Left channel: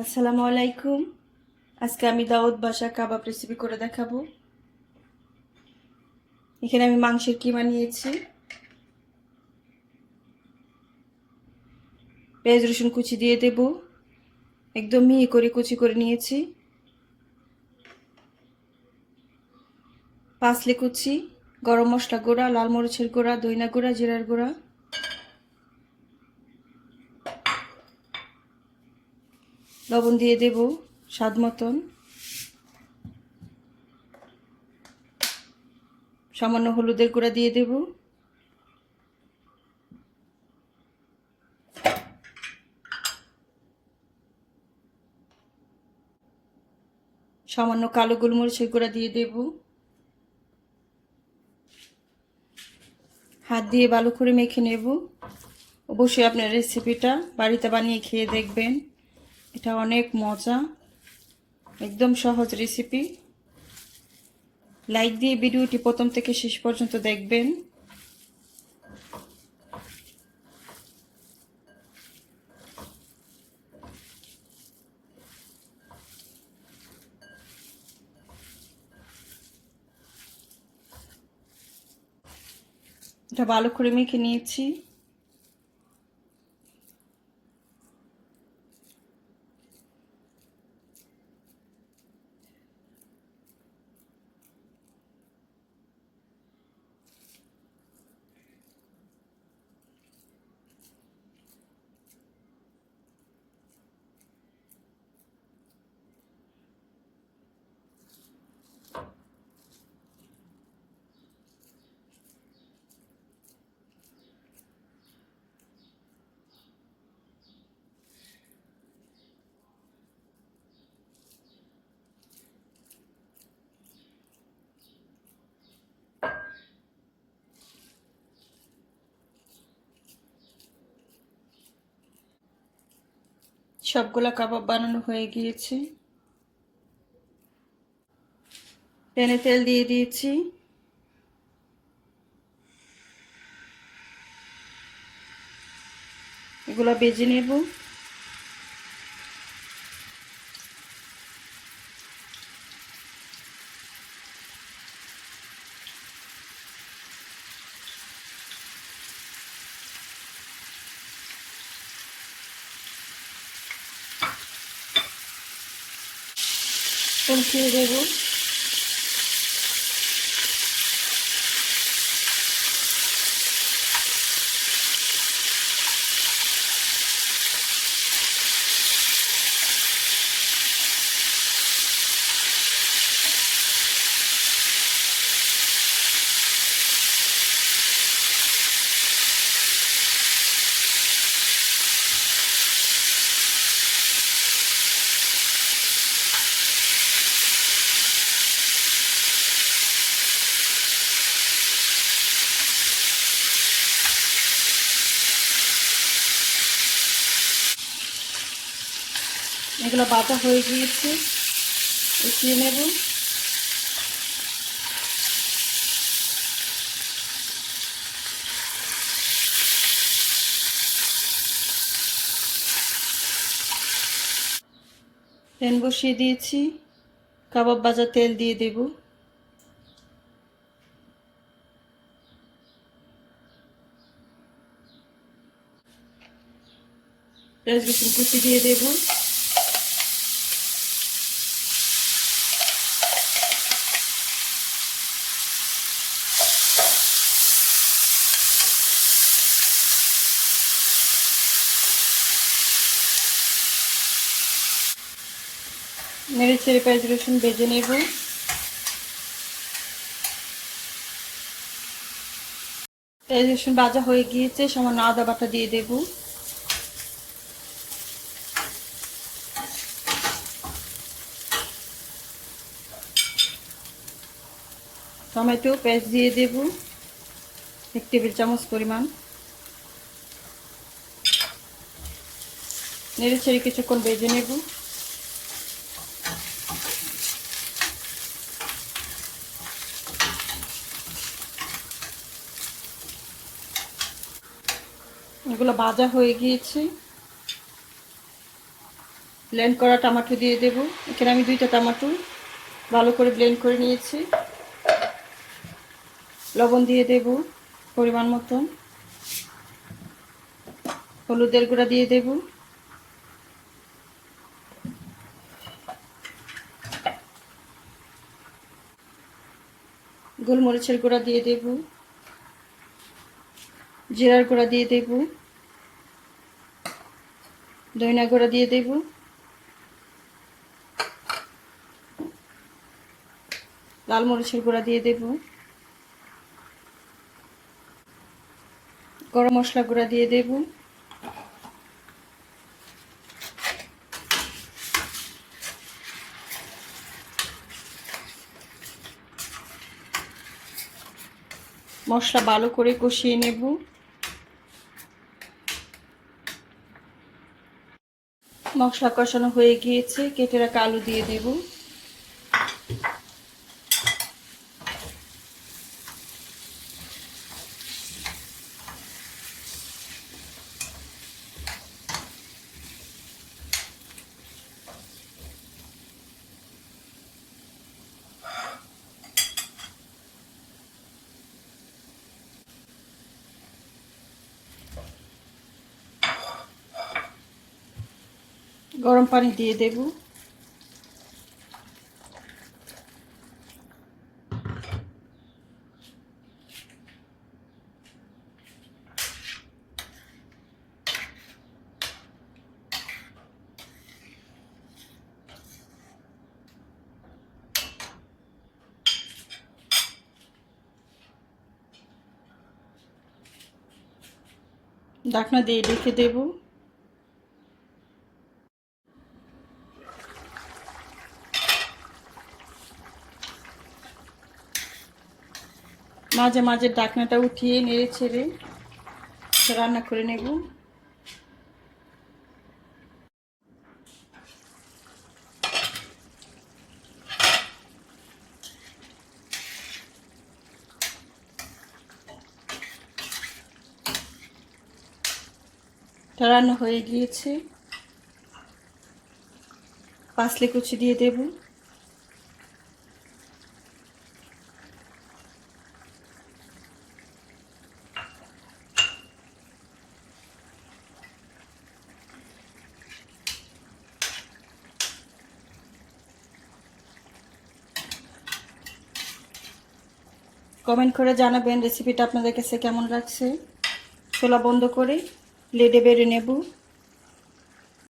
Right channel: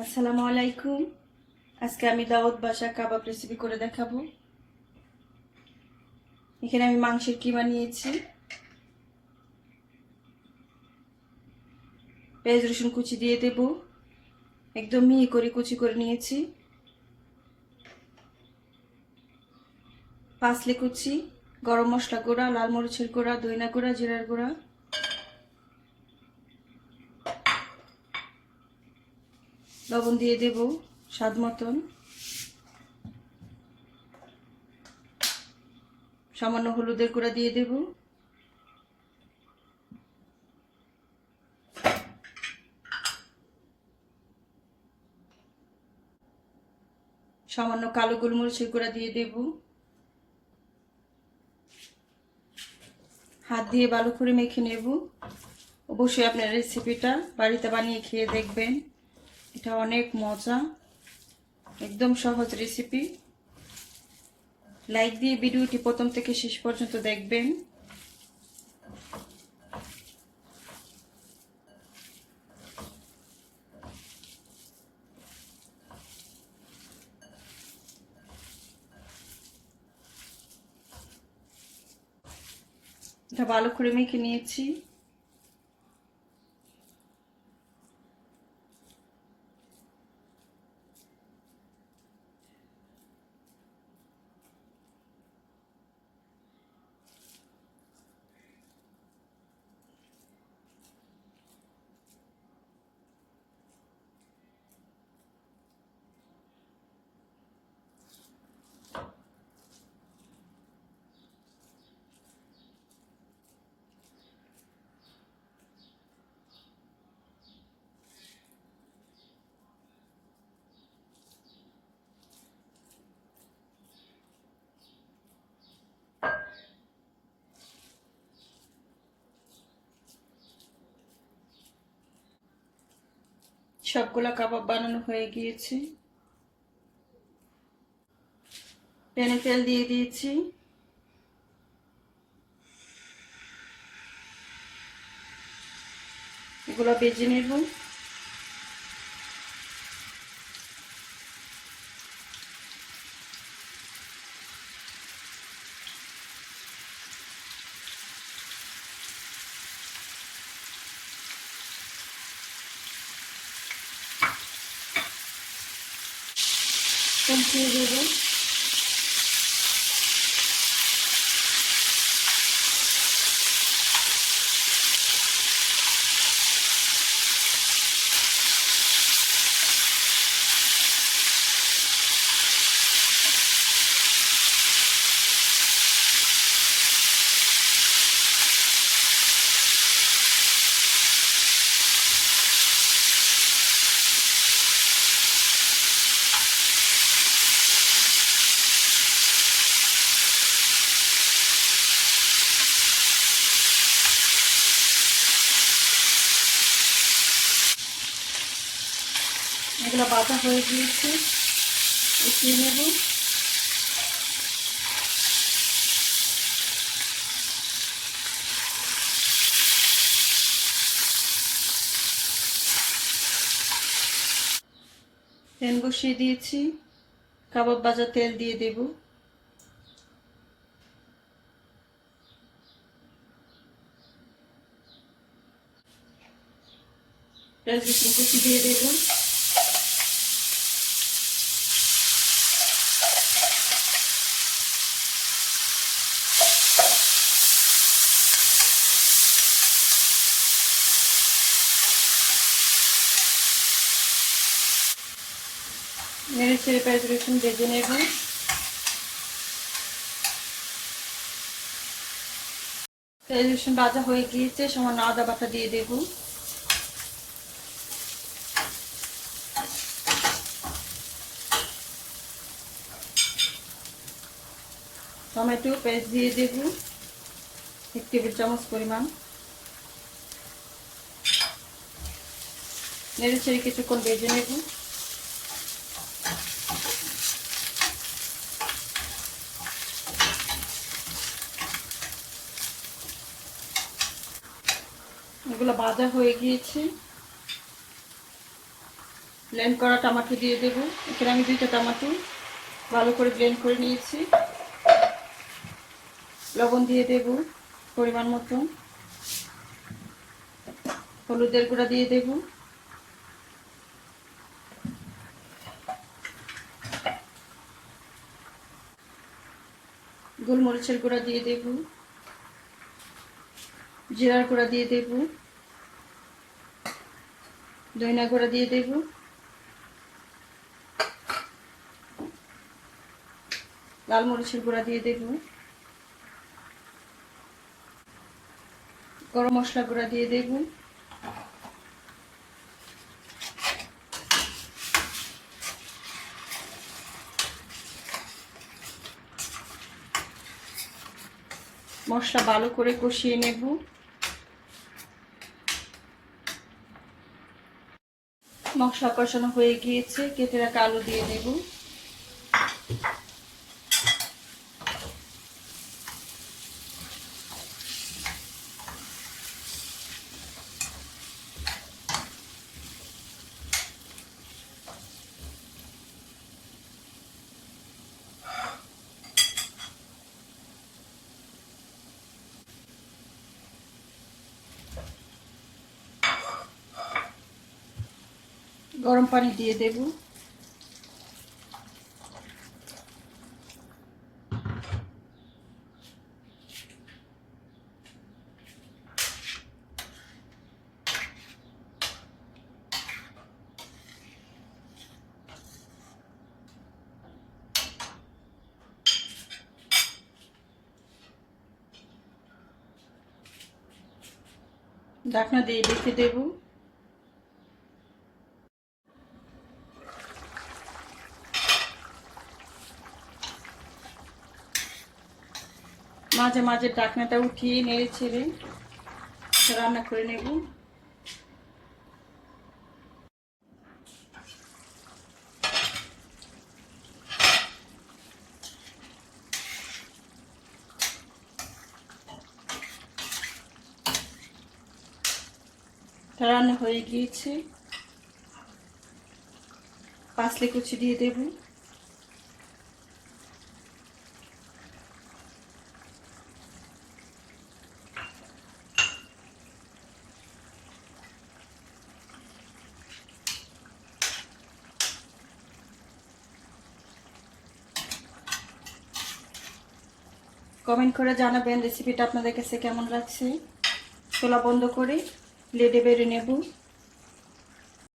আসসালামু আলাইকুম। আজকে আমি দাওয়াত বাসা কাবাব রেসিপি করে দেখাবো। এখানে আমি মাংসের কিমা নিয়েছি। পেঁয়াজ, রসুন কুচি দিয়ে দেব। একদম মিহি করে কুচি করে নিয়েছি। পাঁচলে কুচি, গরম মশলা গুঁড়া, লাল মরিচের গুঁড়া, দইনা গুঁড়া, জিরার গুঁড়া। লবণ দিয়ে দেব, স্বাদ মতন। সামান্য হলুদের গুঁড়া দিয়ে দেব। সামান্য কালো গোলমরিচের গুঁড়া দিয়ে দেব। হাত দিয়ে ভালো করে মেখে নেব। অবশ্যই আপনার রেসিপিটা বাড়িতে বানিয়ে খেয়ে দেখবেন। এটা অনেক মজা। একদম সহজ রেসিপি লাইক দিয়ে ভিডিওটি প্রথম থেকে শেষ পর্যন্ত দেখবেন। এটা ভালো করে মেখে নিয়েছি। সবগুলা কাবাব বানানো হয়ে গিয়েছে। প্যানে তেল দিয়ে দিয়েছি। এগুলো বেজে নেব। উল্টিয়ে দেবো এগুলো বাটা হয়ে গিয়েছে। উঠিয়ে নেব। প্যান বসিয়ে দিয়েছি। কাবাব ভাজা তেল দিয়ে দেব। পেঁয়াজ কুচি দিয়ে দেবো। নেড়ে ছেড়ে পেঁয়াজ রসুন ভেজে নেব। পেঁয়াজ রসুন ভাজা হয়ে গিয়েছে, সামান্য আদা বাটা দিয়ে দেব। টমেটো পেঁয়াজ দিয়ে দেব, এক টেবিল চামচ পরিমাণ। নেড়ে ছেড়ে কিছুক্ষণ ভেজে নেব। এগুলো ভাজা হয়ে গিয়েছে। ব্লেন্ড করা টমেটো দিয়ে দেব। এখানে আমি দুইটা টমেটো ভালো করে ব্লেন্ড করে নিয়েছি। লবণ দিয়ে দেব পরিমাণ মতো। হলুদের গুঁড়া দিয়ে দেব। গোলমরিচের গুঁড়া দিয়ে দেব। জিরার গুঁড়া দিয়ে দেব। দইনা গুঁড়া দিয়ে দেব। লাল মরিচের গুঁড়া দিয়ে দেব। গরম মশলা গুঁড়া দিয়ে দেব। মশলা ভালো করে কষিয়ে নেব। মশলা কষানো হয়ে গিয়েছে। কেটে রাখা আলু দিয়ে দেব। গরম পানি দিয়ে দেব। ঢাকনা দিয়ে রেখে দেবো। মাঝে মাঝে ডাকনাটা উঠিয়ে নেড়ে ছেড়ে রান্না করে নেব। রান্না হয়ে গিয়েছে। পাঁচলে কুচি দিয়ে দেবো। কমেন্ট করে জানাবেন রেসিপিটা আপনাদের কাছে কেমন লাগছে। ছোলা বন্ধ করে লেডে বেড়ে নেব।